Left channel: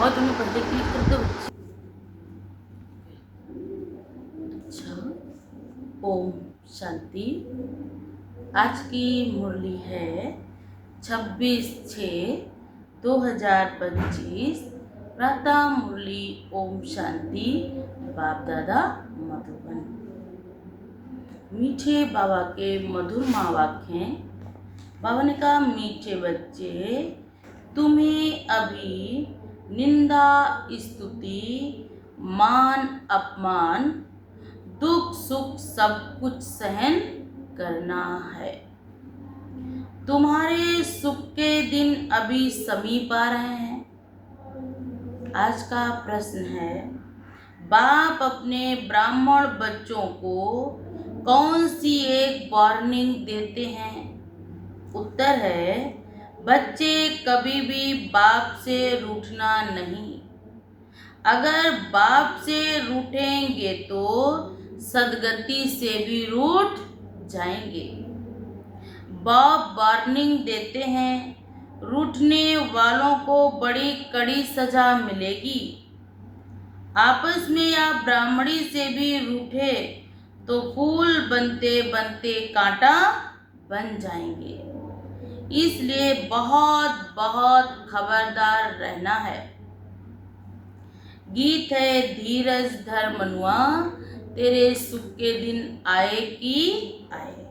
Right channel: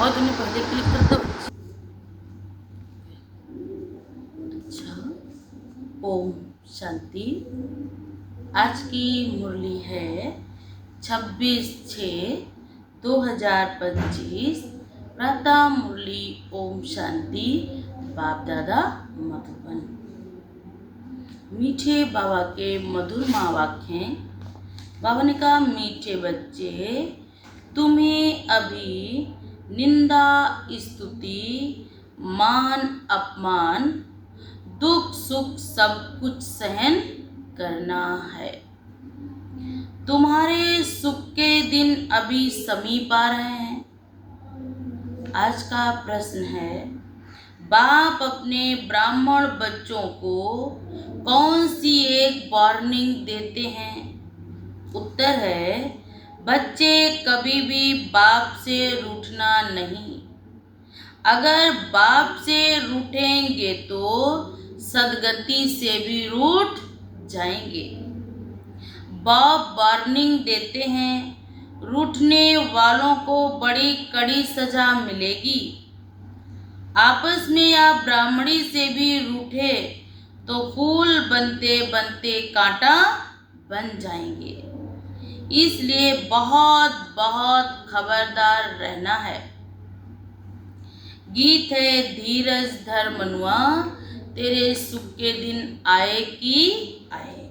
और तुमने पहले क्लिक कर दो। अच्छा, ओम शांति। आज की मुरली है 26/6/2025। प्रातः मुरली ओम शांति। बाप दादा मधुबन। मीठे बाबा के मधुर वाक्य हैं। बाबा ने कहा, मीठे बच्चे, तुम्हें अभी निंदा, स्तुति, मान अपमान, दुख सुख सब कुछ सहन करना है। तुम्हारे सुख के दिन अभी समीप आ रहे हैं। आज का प्रश्न है, बाप अपने ब्राह्मण बच्चों को कौन सी एक वार्निंग देते हैं? उत्तर है, बच्चे कभी भी बाप से रूठना नहीं। अगर बाप से रूठेंगे तो सदगति से भी रूठ जाएंगे। बाप वार्निंग देते हैं, रूठने वालों को बड़ी कड़ी सजा मिलेगी। आपस में या ब्राह्मणी से भी रूठे तो फूल बनते बनते कांटा बन जाएंगे। इसलिए बहुत बहुत खबरदार रहना है। गीत है, धीरज धर मनुआ, तेरे सुख के दिन आए कि आए।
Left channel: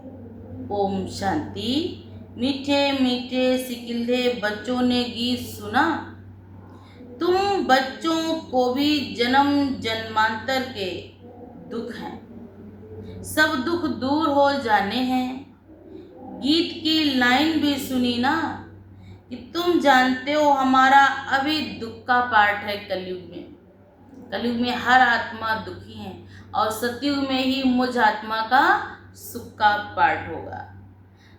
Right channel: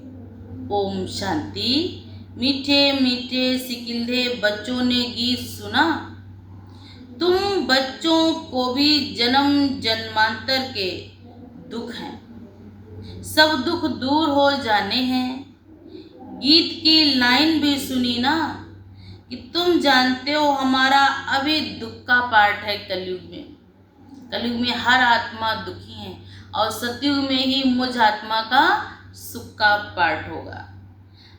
ओम शांति। मीठे मीठे सिकिल्दे बच्चों ने गीत सुना। तुम बच्चों को भी जन्म जन्मांतर के दुख हैं, सब दुख दूर हो जाने हैं। गीत की लाइन भी सुनी ना कि तुम जानते हो हमारा अभी दुख का पार्ट है कलयुग में। कलयुग में हर आत्मा दुखी है और सतयुग में ही मुझ आत्मा का सुख का पार्ट होगा।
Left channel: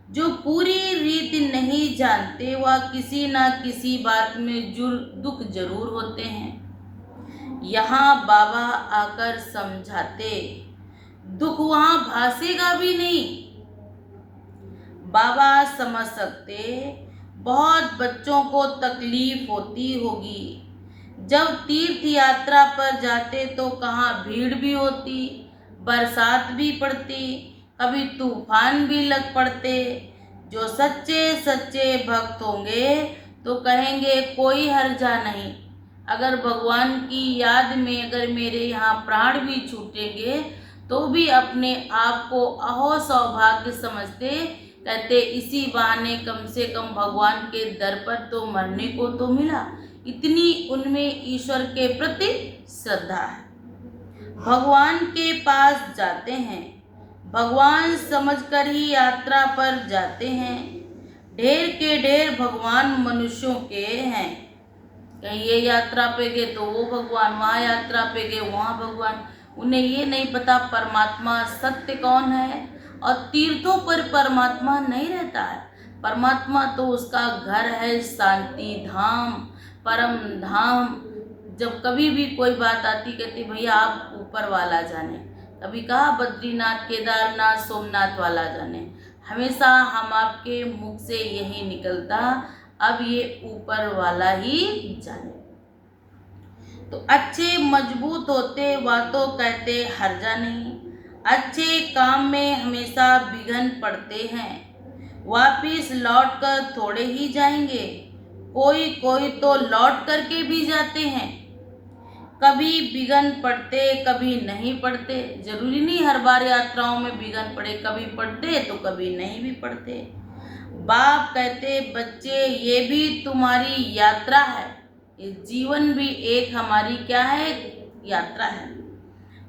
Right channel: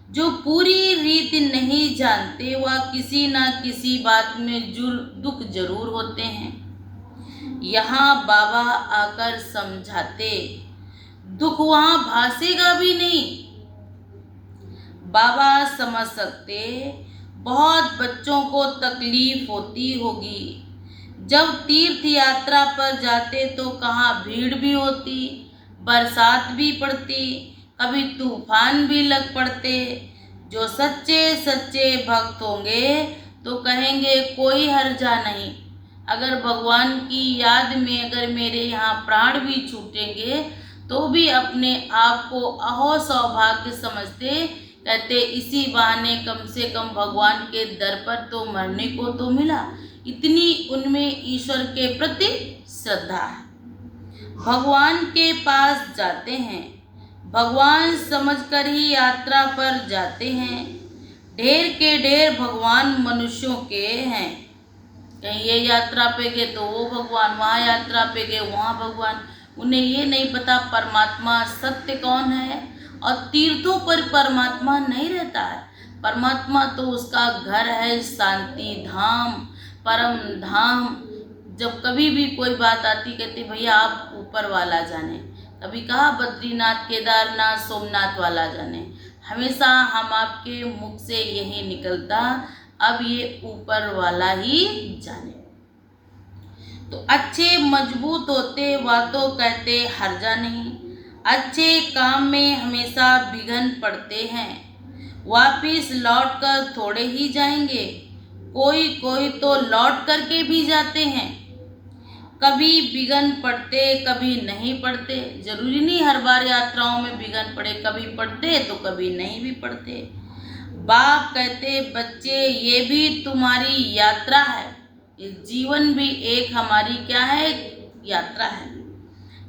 जो पूरी रीति नहीं जानते वह किसी ना किसी बात में दुख जरूर होते हैं। यहाँ बाबा आकर समझाते, दुख वहाँ भासेगा भी नहीं। बाबा समझ सकते, बहुत बच्चों को तकलीफ होती होगी। जब तीर्थ यात्रा पर जाते तो कहाँ भीड़ भी होती, बरसात भी पड़ती, कभी तूफान भी लग पड़ते। जो सच्चे सच्चे भक्त होंगे तो कहेंगे कोई हर्जा नहीं। अगर भगवान की याद में अगर मेरे यहाँ प्राण भी छूटेंगे तो भी अपने आप को अहो सौभाग्य समझते। कहते इसी बहाने कम से कम भगवान के दर पर तो मरने को तो मिला। इतनी उनमें ईश्वर के प्रति श्रद्धा है। भगवान के पास जाते हैं, भगवान समझकर ही यात्रा पर जाते हैं। ढेर के ढेर भगवान मनुष्यों के हैं। कहीं ये यात्रा पे गए तो वो भगवान, वहाँ यात्रा पे गए वहाँ भगवान। उन्हें ये नहीं पता परमात्मा सत्य कौन है। और तीर्थों पर परमात्मा नहीं रहता है। परमात्मा तो उसका घर है, शांति धाम, परम धाम। जब कभी भी कोई बात आती कहते भैया आप ऊपर वाला जाने। कभी कहा बद्रीनाथ, केदारनाथ, सोमनाथ वाला जाने। हमेशा हम आपके मुख से यही निकलता, अब ये ऊपर वाला ही जाने। तो अच्छे मजबूत होते बातों कहते हर्जा नहीं। अच्छे काम में हमेशा विघ्न पड़ते हैं। वापिस लौट कर थोड़े ही जाएंगे, कोई कोई तो लौट करके भी जाते हैं। कभी विघ्न पड़ते कभी नहीं पड़ते। जरूरी नहीं हर बार यात्राओं में विघ्न पड़े, कभी पड़ते तो कभी नहीं भी पड़ते। बाप कहते बच्चे ये भी तुम्हारी यात्रा है। इस जीवन भी एक हमारी क्या है, यात्रा है।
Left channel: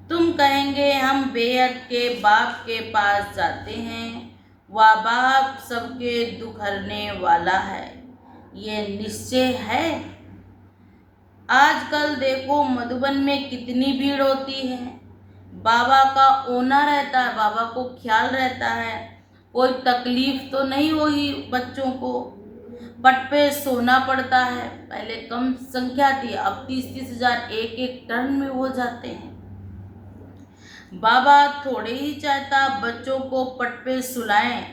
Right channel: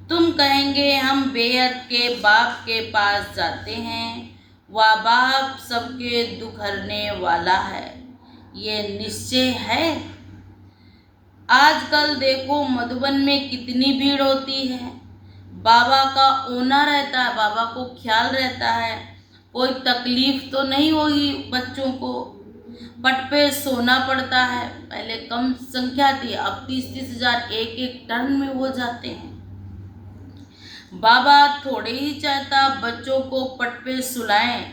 तुम कहेंगे हम बेहद के बाप के पास जाते हैं, वह बाप सबके दुख हरने वाला है, ये निश्चय है। आजकल देखो मधुबन में कितनी भीड़ होती है। बाबा का ओना रहता है, बाबा को ख्याल रहता है, कोई तकलीफ तो नहीं होगी बच्चों को। पट पे सोना पड़ता है। पहले कम संख्या थी, अब 30-30 हजार एक एक टर्न में हो जाते हैं। बाबा थोड़े ही चाहता बच्चों को पट पे सुलाएं,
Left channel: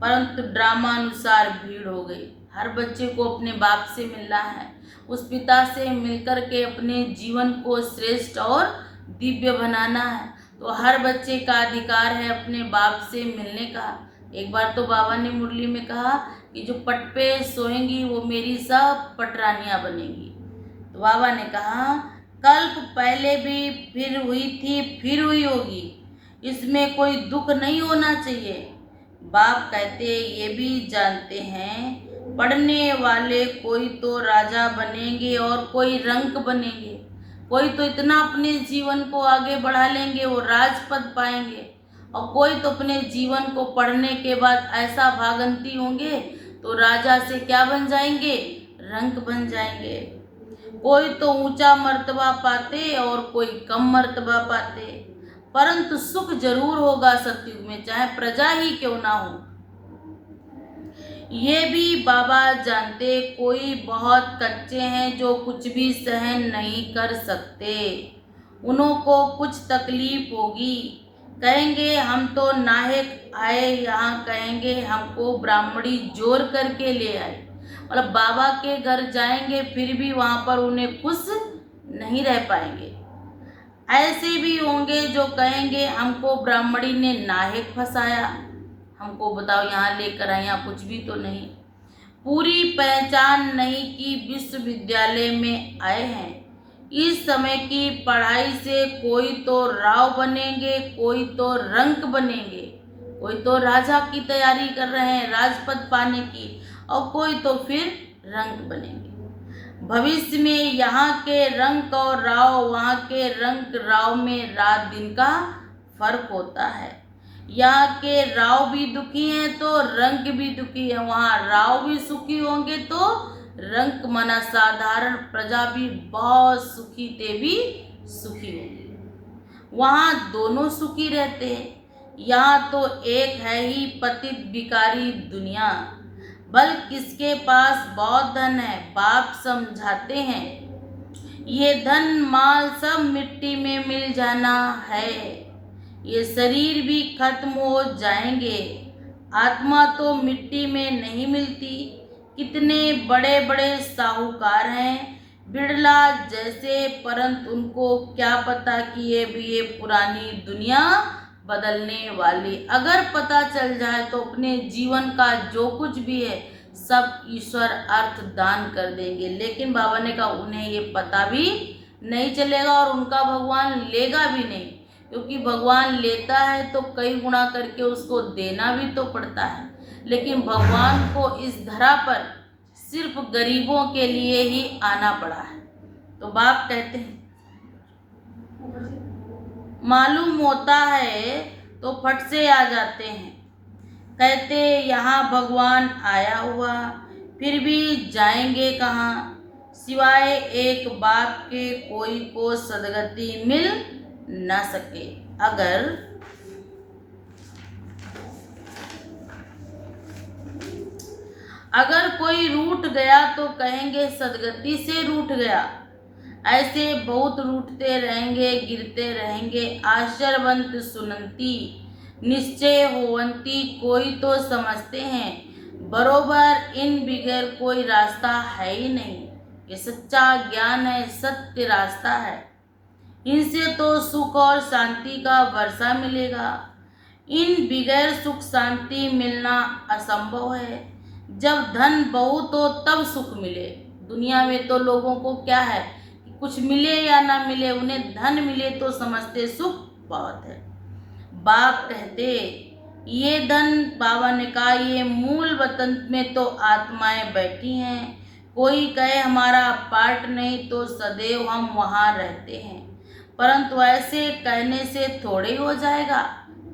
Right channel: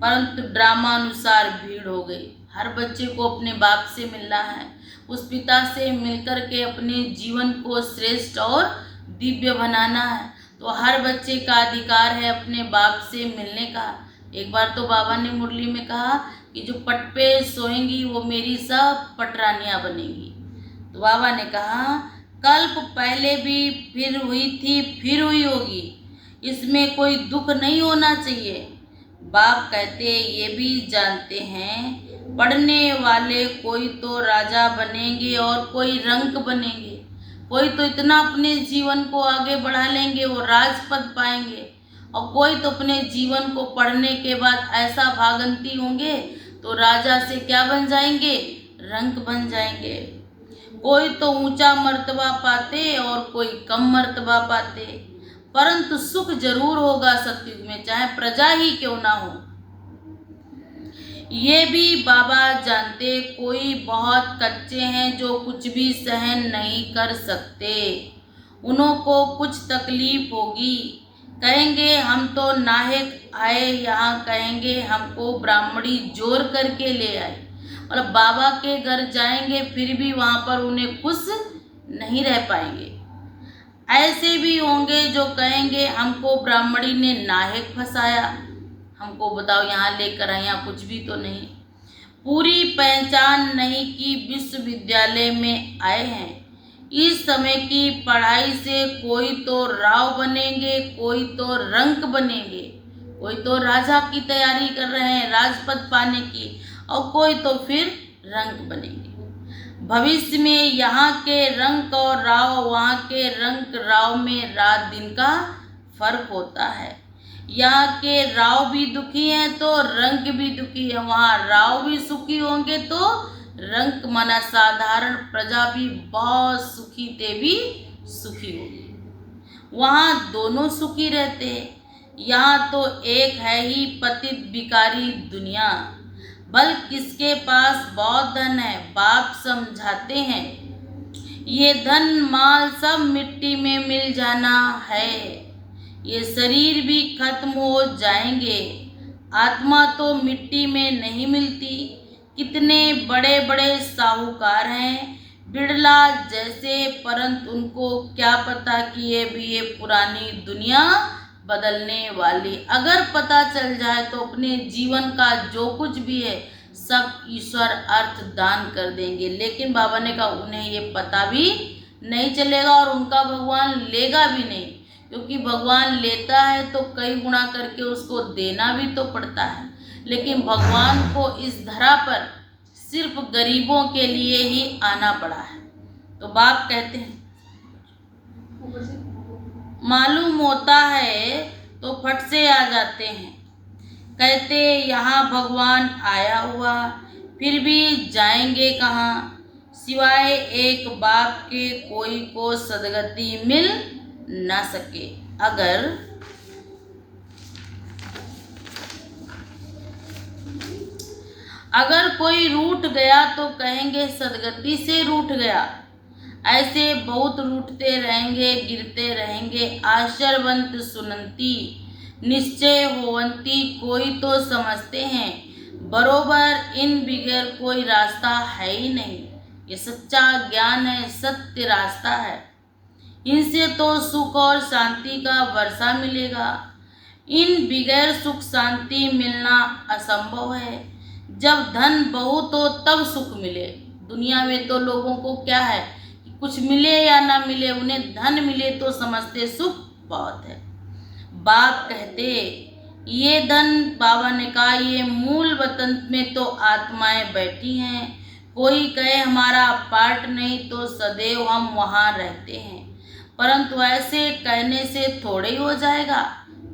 परंतु ड्रामा अनुसार भीड़ हो गई। हर बच्चे को अपने बाप से मिलना है, उस पिता से मिलकर के अपने जीवन को श्रेष्ठ और दिव्य बनाना है। तो हर बच्चे का अधिकार है अपने बाप से मिलने का। एक बार तो बाबा ने मुरली में कहा कि जो पट पे सोएंगी वो मेरी सब पटरानियाँ बनेंगी। तो बाबा ने कहा कल्प पहले भी फिर हुई थी फिर हुई होगी, इसमें कोई दुख नहीं होना चाहिए। बाप कहते ये भी जानते हैं पढ़ने वाले कोई तो राजा बनेंगे और कोई रंक बनेंगे, कोई तो इतना अपने जीवन को आगे बढ़ा लेंगे वो राजपद पाएंगे, और कोई तो अपने जीवन को पढ़ने के बाद ऐसा भागंती होंगे तो राजा से क्या बन जाएंगे, रंक बन जाएंगे। कोई तो ऊंचा मर्तबा पाते और कोई कम मर्तबा पाते, परंतु सुख जरूर होगा सतयुग में, चाहे प्रजा ही क्यों ना हो। ये भी बाबा जानते कोई बहुत कच्चे हैं जो कुछ भी सहन नहीं कर सकते, उन्हों को कुछ तकलीफ होगी, कहेंगे हम तो नाहक आए यहाँ, कहेंगे हमको ब्राह्मणी जोर करके ले आए। मतलब बाबा के घर जाएंगे फिर भी वहाँ पर उन्हें खुश नहीं रह पाएंगे। ऐसे भी होंगे जो कहेंगे हमको ब्राह्मणी ने नाहक फंसाया, हमको बताओ यहाँ लेकर आए, यहाँ कुछ भी तो नहीं, पूरी पहचान नहीं कि विश्वविद्यालय में आए हैं। इस समय की पढ़ाई से कोई तो राव बनेंगे, कोई तो रंक बनेंगे, कोई तो राजा की तैयारी कर रहे हैं राजपद पाने की, और कोई तो फिर रंक बनेंगे। भविष्य में यहाँ के रंक और राव, वहाँ के रंक राव में रात दिन का फर्क होता है। यहाँ के राव भी दुखी हैं तो रंक भी दुखी है, वहाँ राव भी सुखी होंगे तो रंक मना साधारण प्रजा भी बहुत सुखी ते भी सुखी होगी। वहाँ दोनों सुखी रहते हैं। यहाँ तो एक है ही पतित बिकारी दुनिया, बल किसके पास बहुत धन है बाप समझाते हैं, ये धन माल सब मिट्टी में मिल जाना है, ये शरीर भी खत्म हो जाएंगे, आत्मा तो मिट्टी में नहीं मिलती। कितने बड़े बड़े साहूकार हैं बिड़ला जैसे, परंतु उनको क्या पता कि ये पुरानी दुनिया बदलने वाली। अगर पता चल जाए तो अपने जीवन का जो कुछ भी है सब ईश्वर अर्थ दान कर देंगे, लेकिन बाबा ने कहा उन्हें ये पता भी नहीं चलेगा और उनका भगवान लेगा भी नहीं, क्योंकि भगवान लेता है तो कई गुणा करके उसको देना भी तो पड़ता है। लेकिन भगवान को इस धरा पर सिर्फ गरीबों के लिए ही आना पड़ा है। तो बाप कहते हैं मालूम होता है तो फट से आ जाते हैं, कहते यहाँ भगवान आया हुआ फिर भी जाएंगे कहाँ, सिवाय एक बाप के कोई को सदगति मिल ना सके। अगर कोई रूठ गया तो कहेंगे सदगति से रूठ गया, ऐसे बहुत रूठते रहेंगे गिरते रहेंगे। आश्चर्यवंत सुनंती निश्चय होवंती, कोई तो समझते हैं बरोबर इन बिगैर कोई रास्ता है ही नहीं, ये सच्चा ज्ञान है, सत्य रास्ता है, इनसे तो सुख और शांति का वर्षा मिलेगा। इन बिगैर सुख शांति मिलना असंभव है। जब धन बहुत हो तब सुख मिले। दुनिया में तो लोगों को क्या है कि कुछ मिले या ना मिले, उन्हें धन मिले तो समझते सुख बहुत है। बाप कहते ये धन, बाबा ने कहा ये मूल वतन में तो आत्माएं बैठी हैं, कोई कहे हमारा पार्ट नहीं तो सदैव हम वहाँ रहते हैं, परंतु ऐसे कहने से थोड़े ही हो जाएगा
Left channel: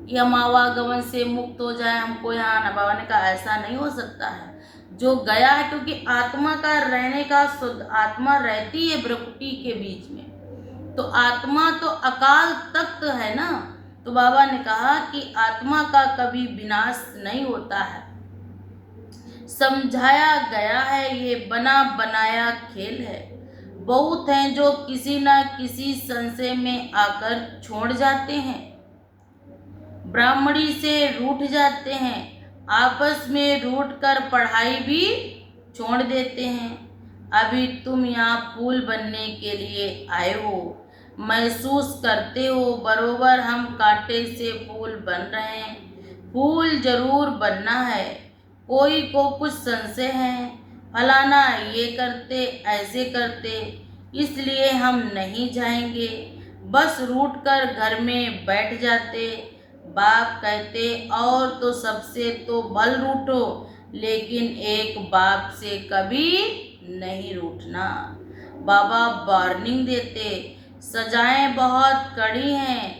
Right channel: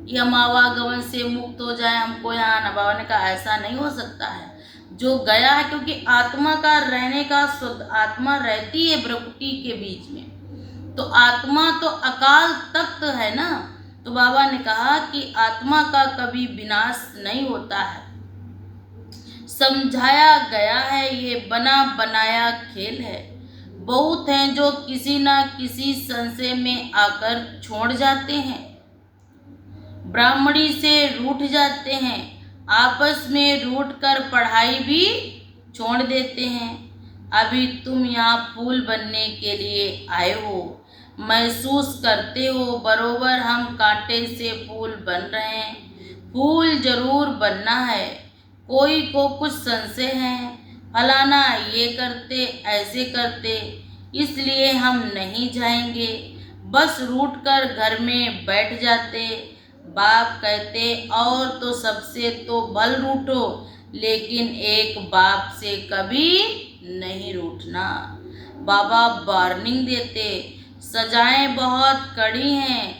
कि हम आवागमन से मुक्त हो जाए, हमको यहाँ आना। बाबा ने कहा ऐसा नहीं हो सकता है, जो गया है, क्योंकि आत्मा का रहने का शुद्ध, आत्मा रहती है प्रकृति के बीच में, तो आत्मा तो अकाल तख्त है ना। तो बाबा ने कहा कि आत्मा का कभी विनाश नहीं होता है, समझाया गया है ये बना बनाया खेल है। बहुत हैं जो किसी ना किसी संशय में आकर छोड़ जाते हैं, ब्राह्मणी से रूठ जाते हैं, आपस में रूठ कर पढ़ाई भी छोड़ देते हैं। अभी तुम यहाँ फूल बनने के लिए आए हो, महसूस करते हो बरोबर हम कांटे से फूल बन रहे हैं। फूल जरूर बनना है। कोई को कुछ संशय है, फलाना ये करते ऐसे करते, इसलिए हम नहीं जाएंगे, बस रूठ कर घर में बैठ जाते। बाप कहते और तो सबसे तो भल रूठो, लेकिन एक बाप से कभी नहीं रूठना। बाबा वार्निंग देते, सजाएं बहुत कड़ी हैं,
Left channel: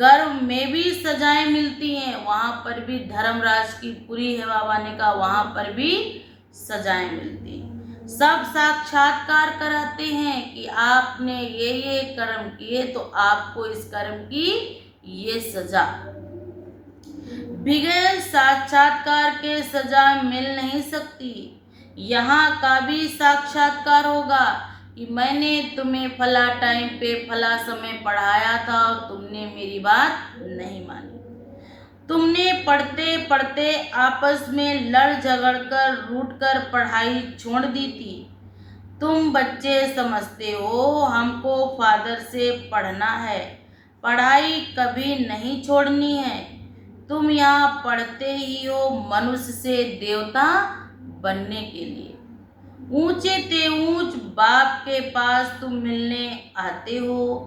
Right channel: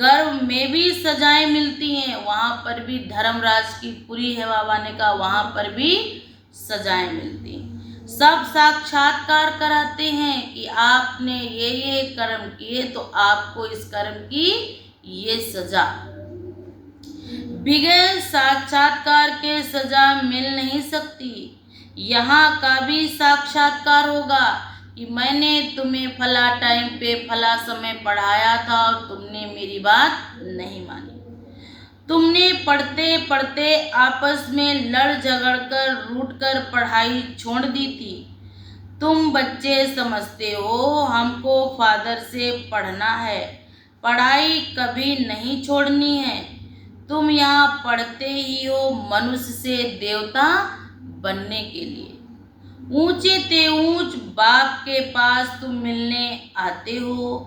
गर्व में भी सजाएं मिलती हैं, वहाँ पर भी धर्मराज की पूरी है। बाबा ने कहा वहाँ पर भी सजाएं मिलती हैं। सब साक्षात्कार कराते हैं कि आपने ये कर्म किए तो आपको इस कर्म की ये सजा। बगैर साक्षात्कार के सजा मिल नहीं सकती। यहाँ का भी साक्षात्कार होगा कि मैंने तुम्हें फला टाइम पे फला समय पढ़ाया था और तुमने मेरी बात नहीं मानी। तुमने पढ़ते पढ़ते आपस में लड़ झगड़ कर रूठ कर पढ़ाई छोड़ दी थी। तुम बच्चे समझते हो हमको फादर से पढ़ना है, पढ़ाई कभी नहीं छोड़नी है। तुम यहाँ पढ़ते ही हो मनुष्य से देवता बनने के लिए। ऊंचे ते ऊंच बाप के पास तुम मिलने आते हो,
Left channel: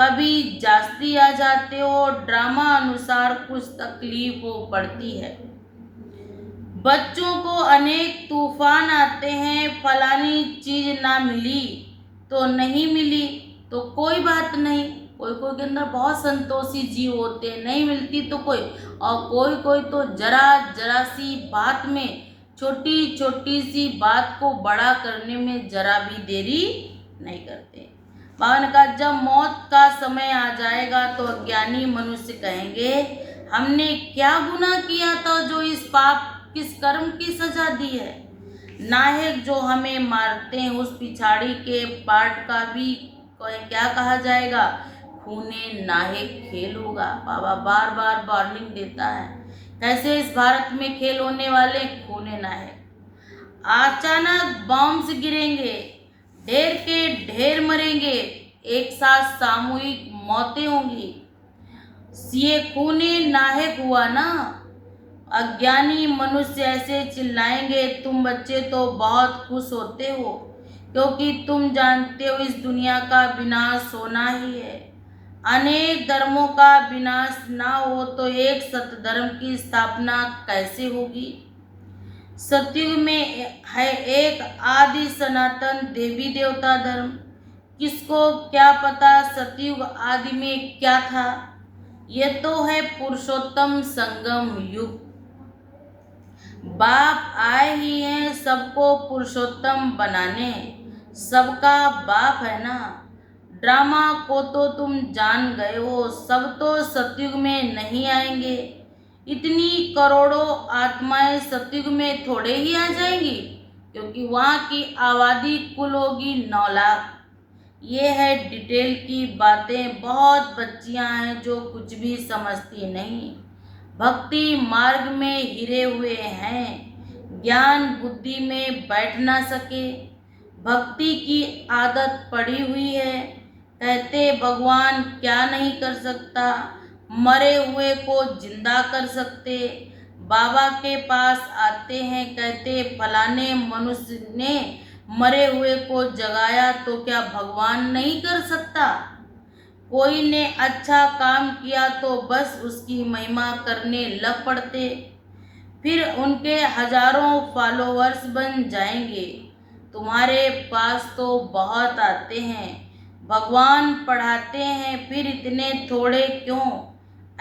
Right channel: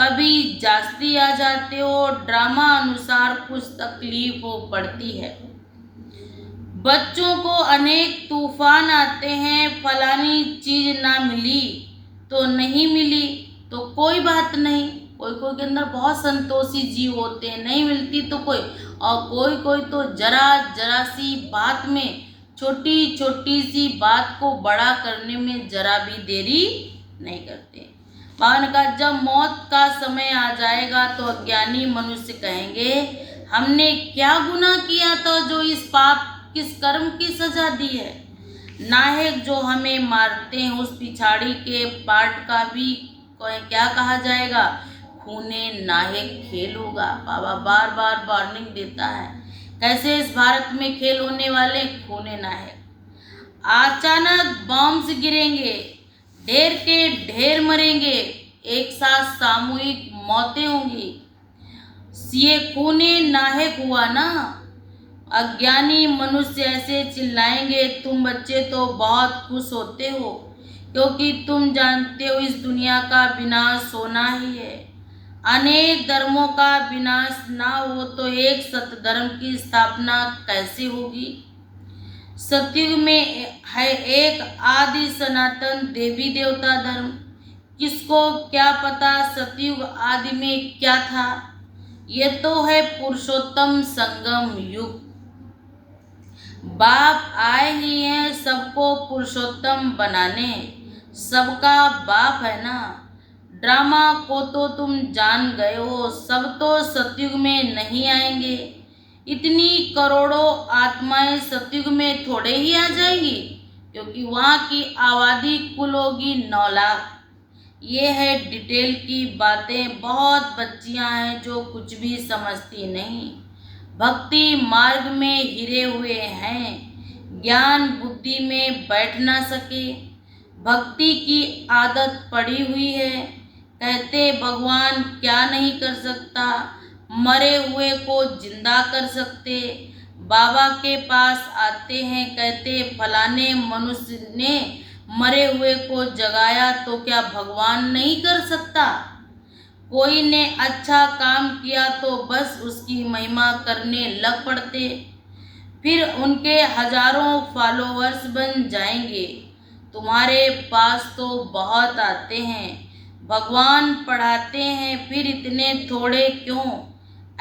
कभी जास्ती आ जाते हो, ड्रामा अनुसार कुछ तकलीफ हो पड़ती है। बच्चों को अनेक तूफान आते हैं, फलानी चीज ना मिली तो नहीं मिली तो कोई बात नहीं। कोई कोई के अंदर बहुत संतोषी जीव होते हैं, नहीं मिलती तो कोई, और कोई कोई तो जरा जरा सी बात में, छोटी छोटी सी बात को बड़ा करने में जरा भी देरी नहीं करते। बाबा ने कहा जब मौत का समय आ जाएगा तो अज्ञानी मनुष्य कहेंगे हमने क्या गुनाह किया था जो इस पाप किस कर्म की सजा दी है। नायक जो हमें मारते हैं उस पिछाड़ी के पार्ट का भी क्या कहा जाएगा, खूने नायक खेल होगा। बाबा बार बार वार्निंग देता है कैसे इस भारत में खेल होने वाले खूने नायक। अचानक बॉम्ब्स गिरेंगे, ढेर के ढेर मरेंगे, एक साथ सामूहिक मौतें होंगी। ये खूने नायक हुआ ना। अज्ञानी मनुष्य ऐसे चिल्लाएंगे, तुम बच्चे तो बहुत खुश होते हो क्योंकि तुम जानते हो इस दुनिया का विनाश होना ही है। अनेक धर्मों का विनाश ना हो तो एक सत्य धर्म की स्थापना कैसे होगी। सतयुग में है एक आदि सनातन देवी देवता धर्म। किसको क्या पता सतयुग आदि में क्या था। ये तो है पुरुषोत्तम संगम युग। बाप आए ही हैं सबको पुरुषोत्तम बनाने, सबका बाप है ना। ड्रामा को तो तुम जान गए हो, सब तो सतयुग में नहीं आएंगे। इतनी करोड़ों आत्माएं सतयुग में थोड़े ही आ जाएंगी, क्योंकि वहाँ की आबादी कुल होगी 9 लाख। ये है डिटेल की बातें। बहुत बच्चियां हैं जो कुछ भी समझती नहीं, भक्ति मार्ग में हिरे हुए हैं, ज्ञान बुद्धि में बैठ ना सके, भक्ति की आदत पड़ी हुई है। कहते भगवान क्या नहीं कर सकता, मरे हुए को जिंदा कर सकते। बाबा के पास आते हैं, कहते फलाने मनुष्य ने मरे हुए को जगाया तो क्या भगवान नहीं कर सकता। कोई ने अच्छा काम किया तो बस उसकी महिमा करने लग पड़ते, फिर उनके हजारों फॉलोअर्स बन जाएंगे। तुम्हारे पास तो बहुत आते हैं, भगवान पढ़ाते हैं, फिर इतने थोड़े क्यों।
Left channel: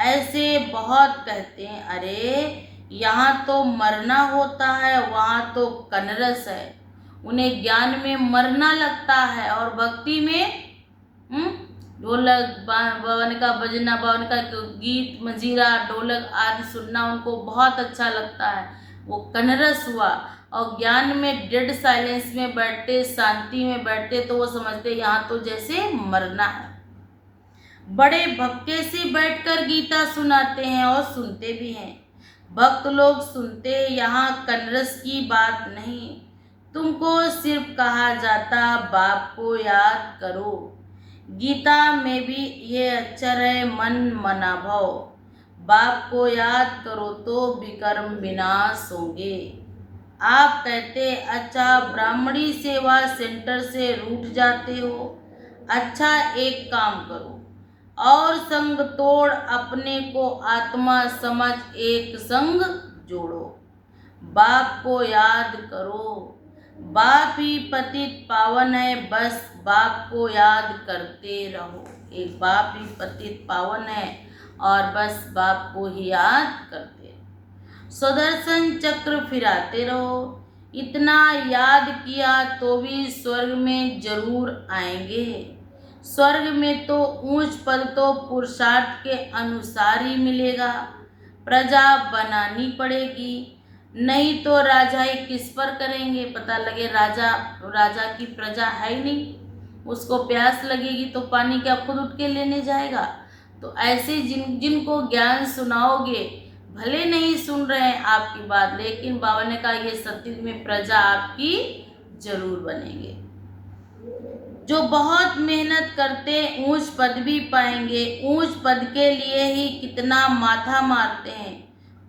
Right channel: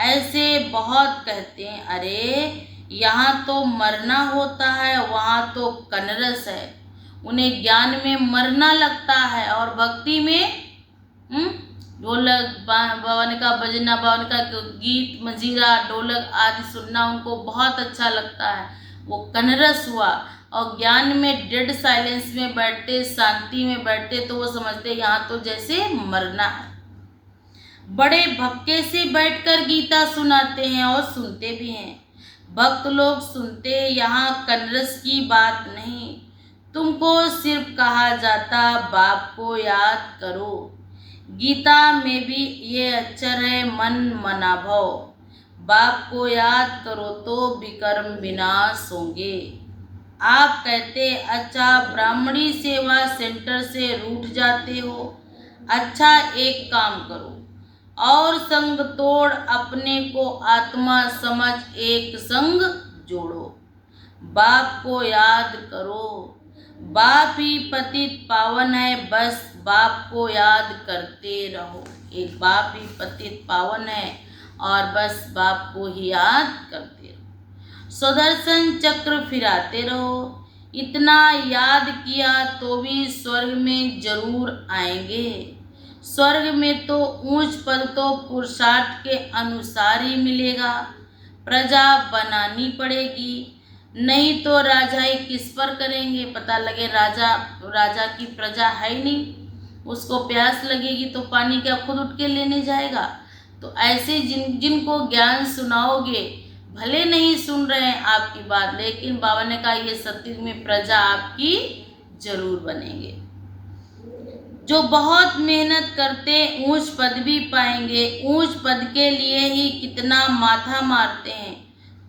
ऐसे बहुत कहते हैं अरे यहाँ तो मरना होता है, वहाँ तो कनरस है। उन्हें ज्ञान में मरना लगता है और भक्ति में ढोलक भवन का बजना, भवन का गीत मंजीरा ढोलक आदि सुनना उनको बहुत अच्छा लगता है। वो कनरस हुआ। और ज्ञान में डेड साइलेंस में बैठते, शांति में बैठते तो वो समझते यहाँ तो जैसे मरना है। बड़े भक्के से बैठकर गीता सुनाते हैं और सुनते भी हैं। भक्त लोग सुनते, यहाँ कनरस की बात नहीं। तुमको सिर्फ कहा जाता बाप को याद करो। गीता में भी ये अक्षर है, मन मना भव। बाप को याद करो तो विकर्म विनाश होंगे। आप कहते अच्छा ब्राह्मणी सेवा सेंटर से रूठ जाते हो। अच्छा एक काम करो और संग तोड़ अपने को आत्मा समझ एक संग जोड़ो। बाप को याद करो। बाप ही पतित पावन है, बस बाप को याद करते रहो। एक बाप ही पतित पावन है और बस बाप को ही याद करते रहो। सुदर्शन चक्र फिराते रहो। इतना याद किया तो भी स्वर्ग में जरूर आएंगे। स्वर्ग में तो ऊंच पद तो पुरुषार्थ के अनुसार ही मिलेगा। प्रजा बनानी पड़ेगी, नहीं तो राजाई किस पर करेंगे। पता लगे राजा की प्रजा है ही नहीं, उसको प्यास लगेगी तो पानी क्या खुद उठ के लेने जाएगा। तो ऐसे जिनको ज्ञान सुनाओगे, भले नहीं सुन रहे हैं आपकी बात, लेकिन बाबा ने कहा ये सत्युग में प्रजा आपकी जरूर बनेंगे। जो बहुत मेहनत करते ऊंच पद भी पाएंगे। ऊंच पद के लिए ही कितना माथा मारते हैं।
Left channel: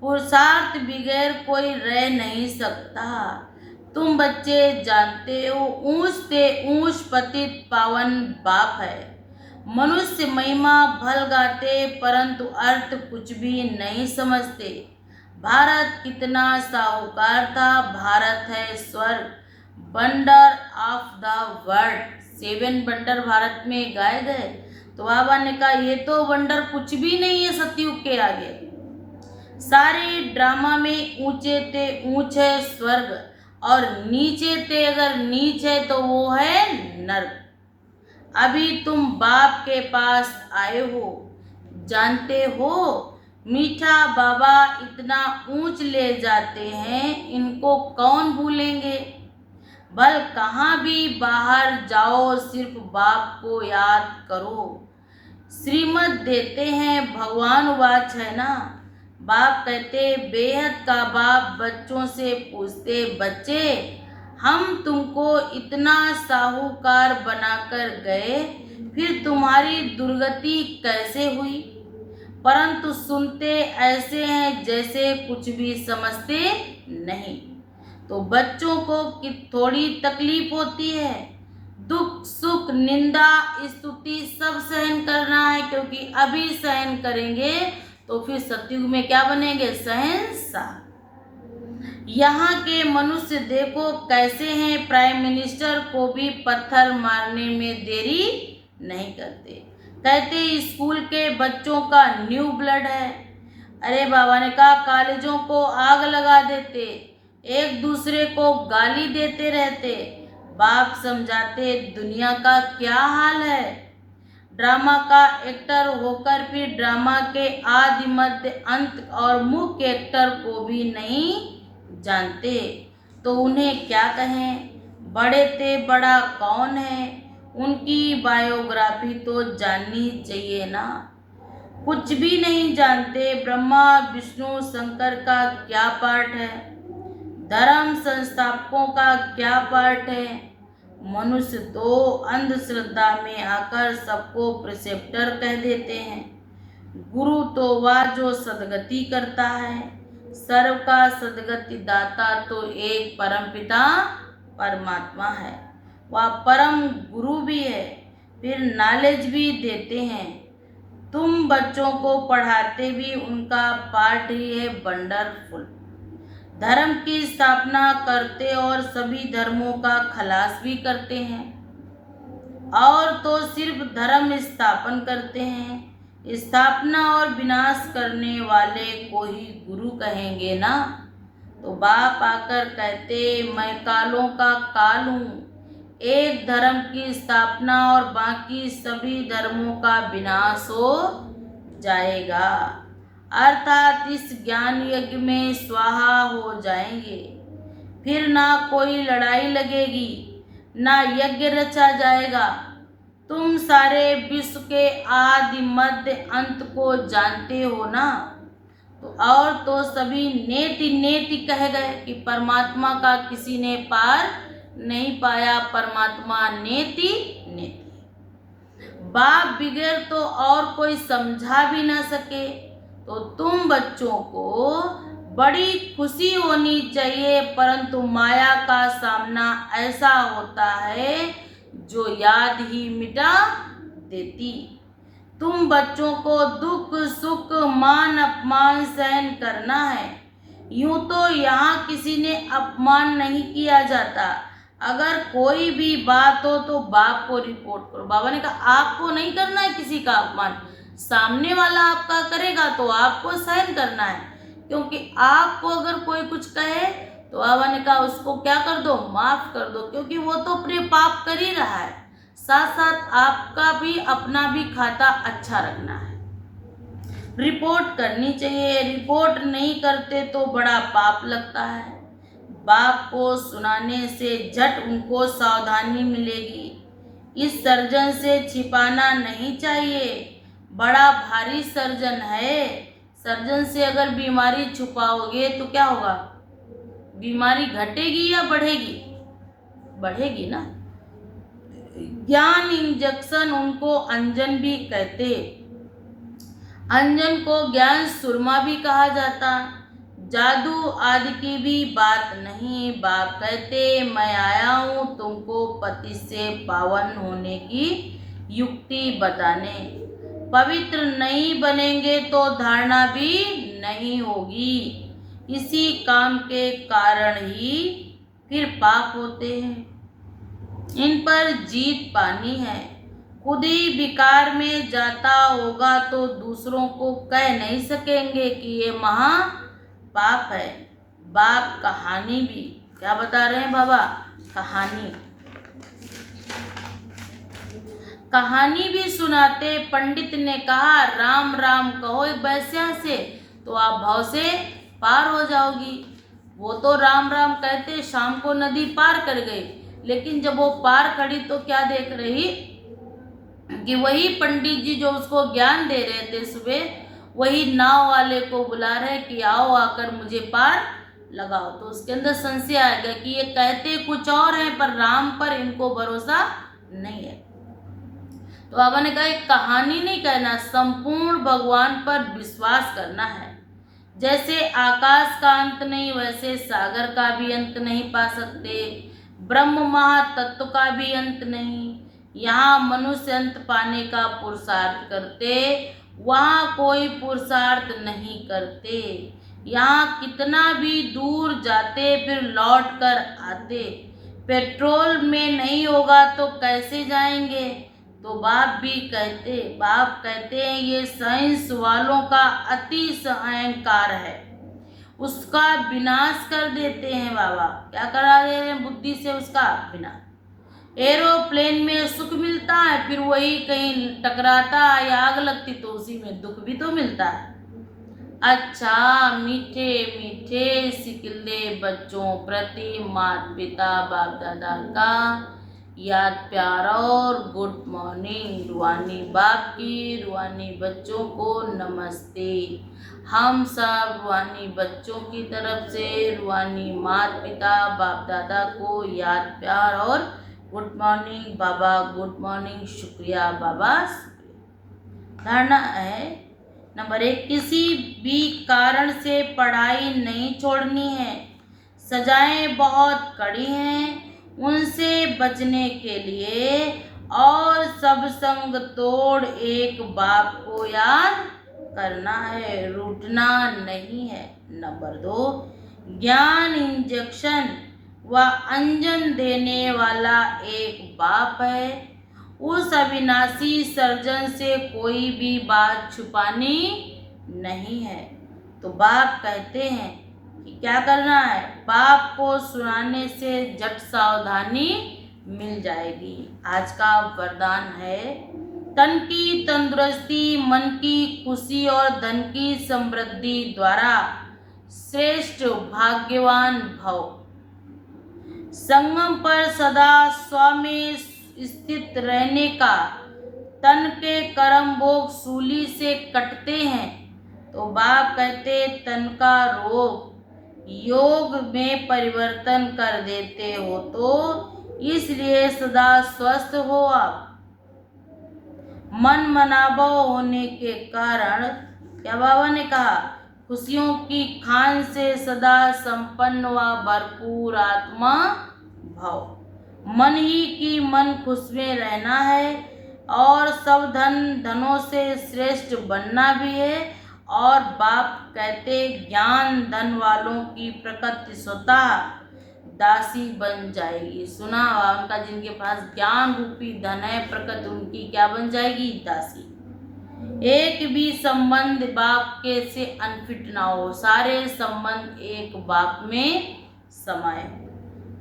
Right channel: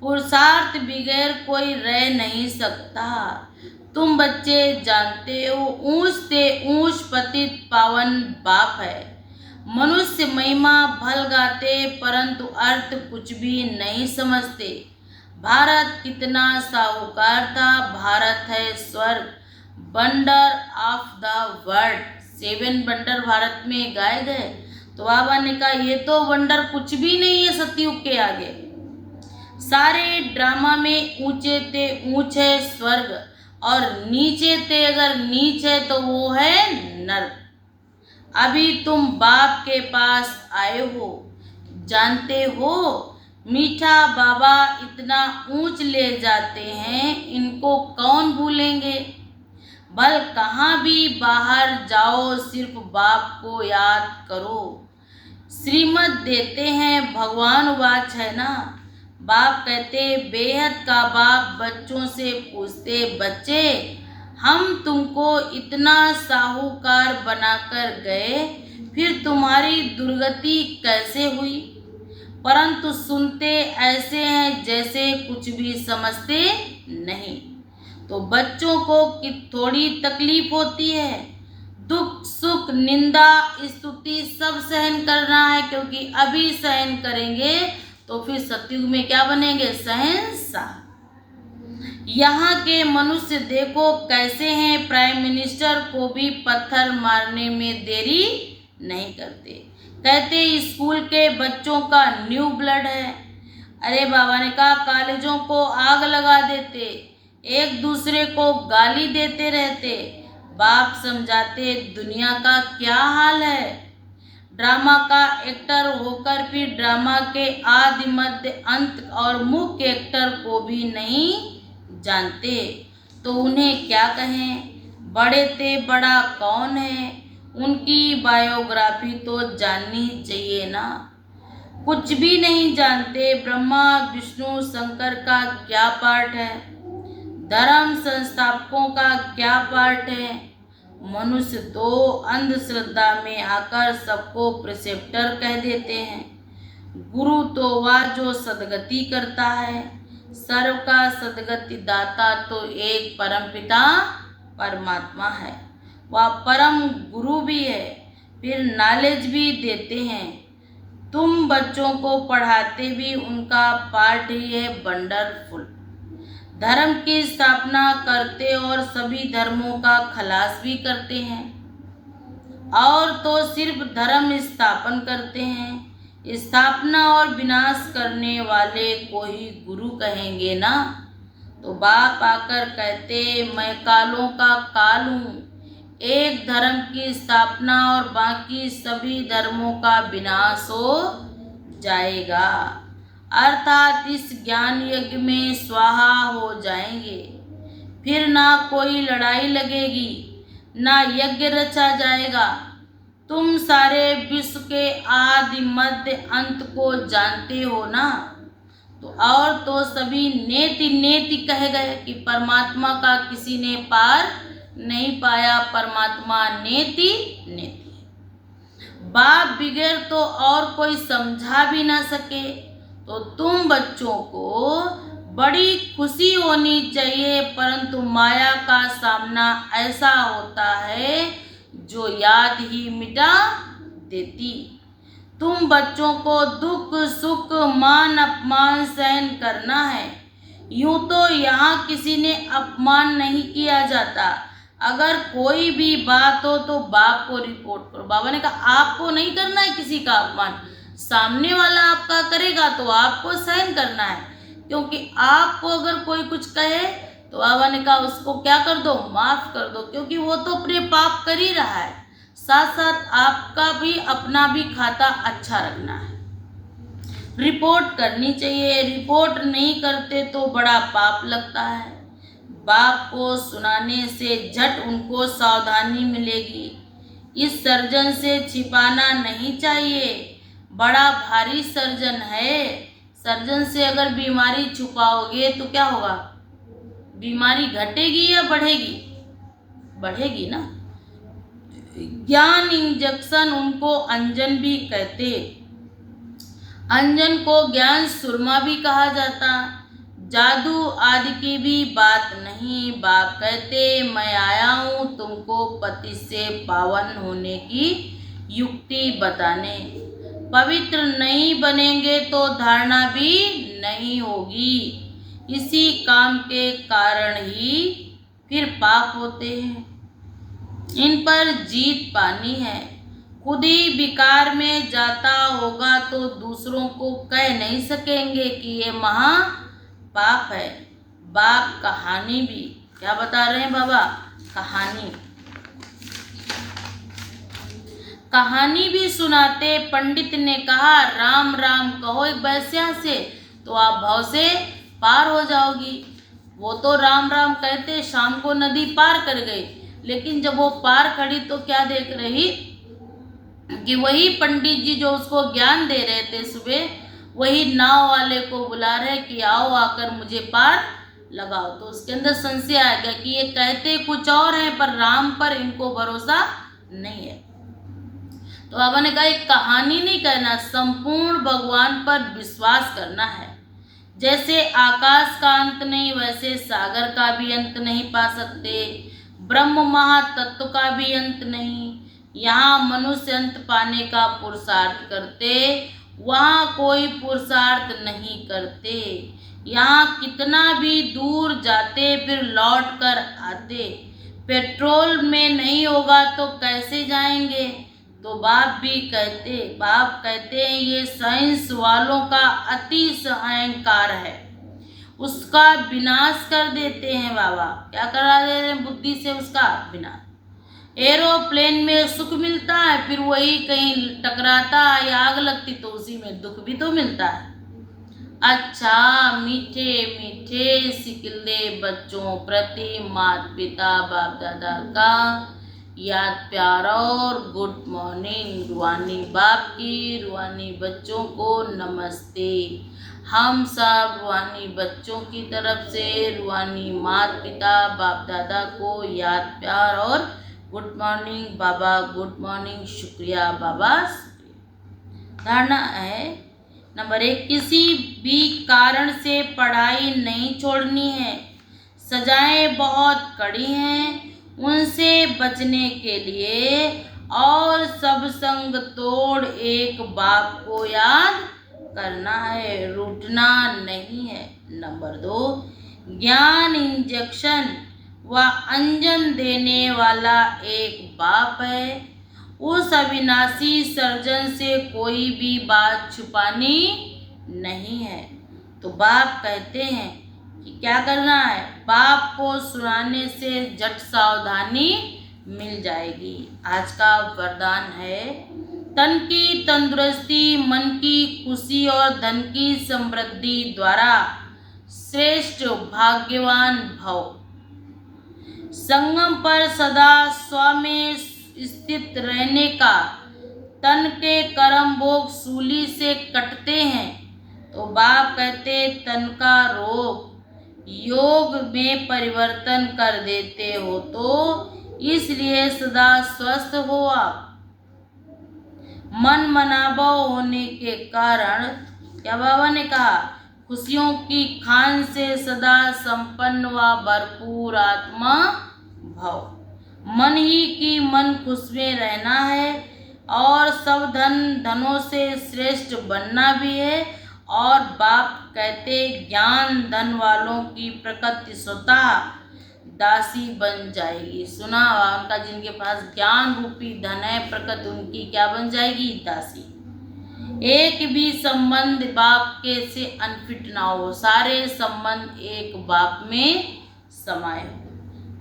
पुरुषार्थ बगैर कोई रह नहीं सकता। तुम बच्चे जानते हो ऊंच से ऊंच पतित पावन बाप है। मनुष्य महिमा भल गाते परंतु अर्थ कुछ भी नहीं समझते। भारत कितना साहूकार था। भारत है स्वर्ग, wonder of the world. 7 wonder Bharat में गाए गए। तो बाबा ने कहा ये तो वंडर कुछ भी नहीं है सतयुग के आगे। सारे ड्रामा में ऊंचे ते ऊंच है स्वर्ग और नीचे ते अगर नीच है तो वो है नर्क। अभी तुम बाप के पास आए हो, जानते हो मीठा बाबा इतना ऊंच ले जाते हैं, इनको कौन भूलेंगे। बल कहाँ भी बाहर जाओ सिर्फ बाप को याद करो। श्रीमत देते हैं भगवान वाच है ना। बाप कहते बेहद का बाप बच्चों से पूछते बच्चे हम तुमको इतना साहूकार बनाकर गए, फिर तुम्हारी दुर्गति कैसे हुई। परंतु सुनते ऐसे हैं जैसे कुछ भी समझते नहीं। तो बच्चों को थोड़ी तकलीफ होती है, दुख सुख निंदा स्तुति सब सहन करना है, क्योंकि अभी सहन करेंगे तो फिर सतयुग में क्या बनेंगे, शहंशाह। यहाँ के मनुष्य देखो कैसे हैं, प्राइम मिनिस्टर को भी पत्थर मारने में देरी नहीं करते। कहते स्कूल के बच्चों का न्यू ब्लड है। अरे बाबा ने कहा कॉलेजों को आग लगा देते, एक दूसरे को गाली देते रहते। बाप समझाते दुनिया का क्या हाल है। ड्रामा का एक्टर होकर फिर ड्रामा के आदि मध्य अंत और मुख्य एक्टर को भी नहीं जानते, तो उन्हें क्या कहें। बड़े ते बड़ा कौन है, उनकी बायोग्राफी तो जाननी चाहिए ना। कुछ भी नहीं जानते। ब्रह्मा विष्णु शंकर का क्या पार्ट है, धर्म संस्थापकों का क्या पार्ट है। मनुष्य तो अंधश्रद्धा में आकर सबको प्रिसेप्टर कह देते हैं। गुरु तो वह जो सदगति करता है, सर्व का सदगति दाता तो एक परमपिता परमात्मा है, वह परम गुरु भी है, फिर नॉलेज भी देते हैं। तुम बच्चों को पढ़ाते भी उनका पार्ट ही है वंडरफुल। धर्म की स्थापना करते और सभी धर्मों का खलास भी करते हैं, और तो सिर्फ धर्म स्थापन करते हैं। स्थापना और विनाश करने वाले को ही गुरु कहेंगे ना। तो बाप आकर कहते मैं कालों का काल हूँ, एक धर्म की स्थापना और बाकी सभी धर्मों का विनाश हो जाएगा, अर्थात इस ज्ञान यज्ञ में स्वाहा हो जाएंगे। फिर ना कोई लड़ाई लगेगी, ना यज्ञ रचा जाएगा। तुम सारे विश्व के आदि मध्य अंत को जानते हो ना। तो और तो सभी नेति नेति कहे गए कि परमात्मा का किसी ने पार नहीं पाया परमात्मा नेति नेति। बाप बिगैर तो और कोई समझा भी ना सके। तो तुम बच्चों को बड़ी खुशी होनी चाहिए, परंतु माया का सामना ऐसा होता है जो याद ही मिटा देती। तुम बच्चों को दुख सुख मान अपमान सहन करना है। यूं तो यहाँ किसी ने अपमान नहीं किया जाता। अगर कोई भी बात हो तो बाप को रिपोर्ट करो। बाबा ने कहा आपको नहीं करना है किसी का अपमान, सामने वाला आपका करेगा तो आपको सहन करना है। क्योंकि आपको अगर कोई कुछ कहे तो बाबा ने कहा उसको क्या कर दो, माफ कर दो, क्योंकि वो तो अपने पाप कर ही रहा है। साथ साथ आपका भी अपना भी खाता अच्छा रखना है। रिपोर्ट करनी चाहिए, रिपोर्ट नहीं करते तो बड़ा पाप लगता है। बाप को सुनाने से झट उनको सावधानी मिलेगी। इस सर्जन से छिपाना नहीं चाहिए, बड़ा भारी सर्जन है। सर्जन से अगर बीमारी छुपाओगे तो क्या होगा, बीमारी घटेगी या बढ़ेगी, बढ़ेगी ना। ज्ञान इंजेक्शन उनको अंजन भी कहते, अंजन को ज्ञान सुरमा भी कहा जाता। जादू आदि की भी बात नहीं। बाप कहते मैं आया हूँ तुमको पति से पावन होने की युक्ति बताने। पवित्र नहीं बनेंगे तो धारणा भी नहीं होगी। इसी काम के कारण ही फिर पाप होते हैं। इन पर जीत पानी है। खुद ही विकार में जाता होगा तो दूसरों को कह नहीं सकेंगे कि ये महा पाप है। बाप कहानी भी क्या बता रहे हैं बाबा, कहानी भी सुनाते। पंडित ने कहा राम राम कहो एक वैश्या से तो आप भाव से पार हो जाओगी। वो तो राम राम कहते शाम को नदी पार कर गई, लेकिन जब वो पार खड़ी तो क्या देख रही कि वही पंडित जी जो उसको ज्ञान दे रहे थे सुबह, वही नाव वाले को बुला रहे कि आओ आकर मुझे पार लगाओ। तो उसके अंदर संशय आ गया कि ये कहते कुछ और हैं पर राम पर इनको भरोसा नहीं है। तो बाबा ने कहा एक कहानी नहीं कहना, संपूर्ण भगवान पर विश्वास करना है। जैसे आकाश का अंत नहीं वैसे सागर का भी अंत नहीं पा सकते। ब्रह्म महातत्व का भी अंत नहीं। यहाँ मनुष्य अंत पाने का पुरुषार्थ करते, वहाँ कोई पुरुषार्थ नहीं करते। यहाँ कितना भी दूर जाते फिर लौट कर आते। पेट्रोल में नहीं होगा तो कैसे जाएंगे। तो बाप कहते हैं ये साइंस वालों का अति अहंकार है, उसका विनाश कर देते हैं बाबा। क्या करा दे रहे हैं, बुद्धि से उसका विनाश। एरोप्लेन में सुख मिलता है, फिर वही कहीं टकराता है या आग लगती तो उसी में दुख भी तो मिलता है। अच्छा मीठे मीठे सिकिल्दे बच्चों प्रति माता पिता बाप दादा का याद प्यार और गुड मॉर्निंग। रूहानी बाप की रूहानी बच्चों को नमस्ते। हम सब रूहानी बच्चों की तरफ से रूहानी माता पिता बाप दादा को याद प्यार और गुड मॉर्निंग बाबा, गुड मॉर्निंग, शुक्रिया बाबा, शुक्रिया। धारणा है नंबर 1, किसी भी कारण से पढ़ाई नहीं छोड़नी है। सजाएं बहुत कड़ी हैं, उनसे बचने के लिए और सब संग तोड़ एक बाप को याद करना है, रूठना नहीं है। नंबर 2, ज्ञान इंजेक्शन व अंजन देने वाला एक बाप है। उस अविनाशी सर्जन से कोई भी बात छुपानी नहीं है। तो बाप कहते हैं कि क्या करना है, बाप को सुनाने से झट सावधानी मिल जाएगी। आज का वरदान है तन की तंदुरुस्ती, मन की खुशी और धन की समृद्धि द्वारा श्रेष्ठ भाग्यवान भव। संगम पर सदा स्व में स्थित रहने का। तन के कर्म भोग सूली से कटते हैं। तो बाप कहते तन का रोग योग में परिवर्तन कर देते हो, तो इसलिए सदा स्वस्थ हो आप। मन मनाबो होने के कारण क्या बाबा ने कहा, खुशियों की खान से सदा संपन्न व भरपूर आत्मा भव। मन ही की मन खुश में रहना है और सब धनों से श्रेष्ठ बनना भी है। और बाप कहते ज्ञान धन वालों की प्रकृति स्वतः दासी बन जाएगी। सुना उनका, जिनके पास ज्ञान रूपी धन है, प्रकृति उनकी क्या बन जाएगी, दासी। एक भी संबंध बाप के से अनफिट ना हो, सारे संबंध एक बाप में समाये हो।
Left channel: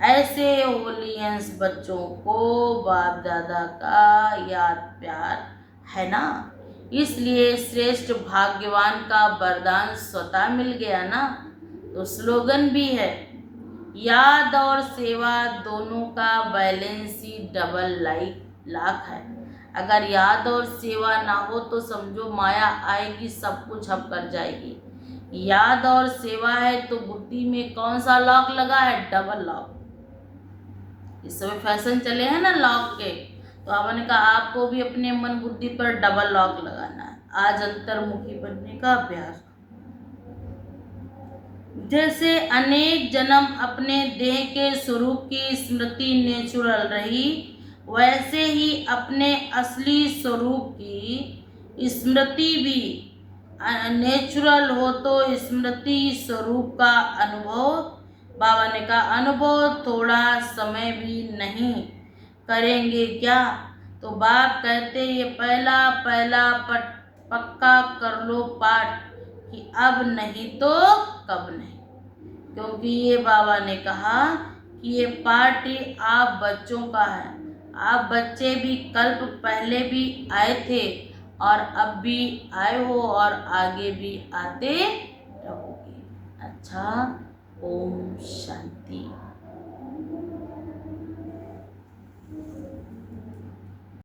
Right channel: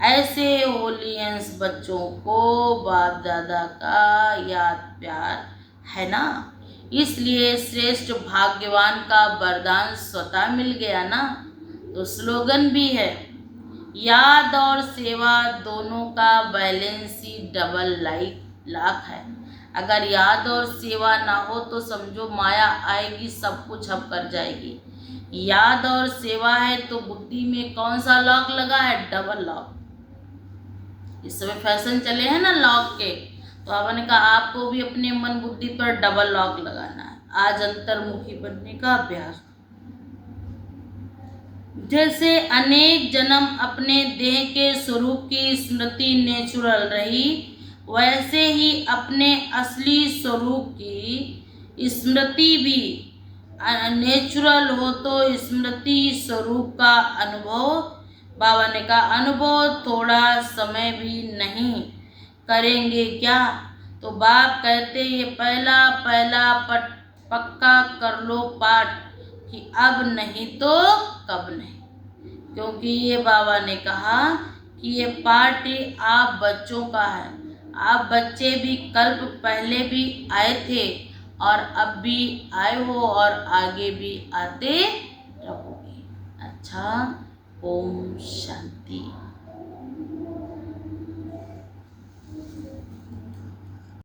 ऐसे होलियंस बच्चों को बाप दादा का याद प्यार है ना, इसलिए श्रेष्ठ भाग्यवान का वरदान स्वतः मिल गया ना। तो स्लोगन भी है, याद और सेवा दोनों का बैलेंस ही डबल लाख है। अगर याद और सेवा ना हो तो समझो माया आएगी, सब कुछ हम कर जाएगी। याद और सेवा है तो बुद्धि में कौन सा लॉक लगा है, डबल लॉक। इस समय फैशन चले हैं ना लॉक के, तो आपने कहा आपको भी अपने मन बुद्धि पर डबल लॉक लगाना है। आज अंतर्मुखी बनने का अभ्यास। जैसे अनेक जन्म अपने देह के स्वरूप की स्मृति नेचुरल रही, वैसे ही अपने असली स्वरूप की स्मृति भी नेचुरल हो। तो स्मृति स्वरूप का अनुभव, बाबा ने कहा अनुभव थोड़ा समय भी नहीं करेंगे क्या। तो बाप कहते ये पहला पक्का कर लो पाठ कि अब नहीं तो कब नहीं। क्योंकि ये बाबा ने कहा कि ये पार्टी आप बच्चों का है। आप बच्चे भी कल्प पहले भी आए थे और अब भी आए हो और आगे भी आते रहोगे। अच्छा, ओम शांति।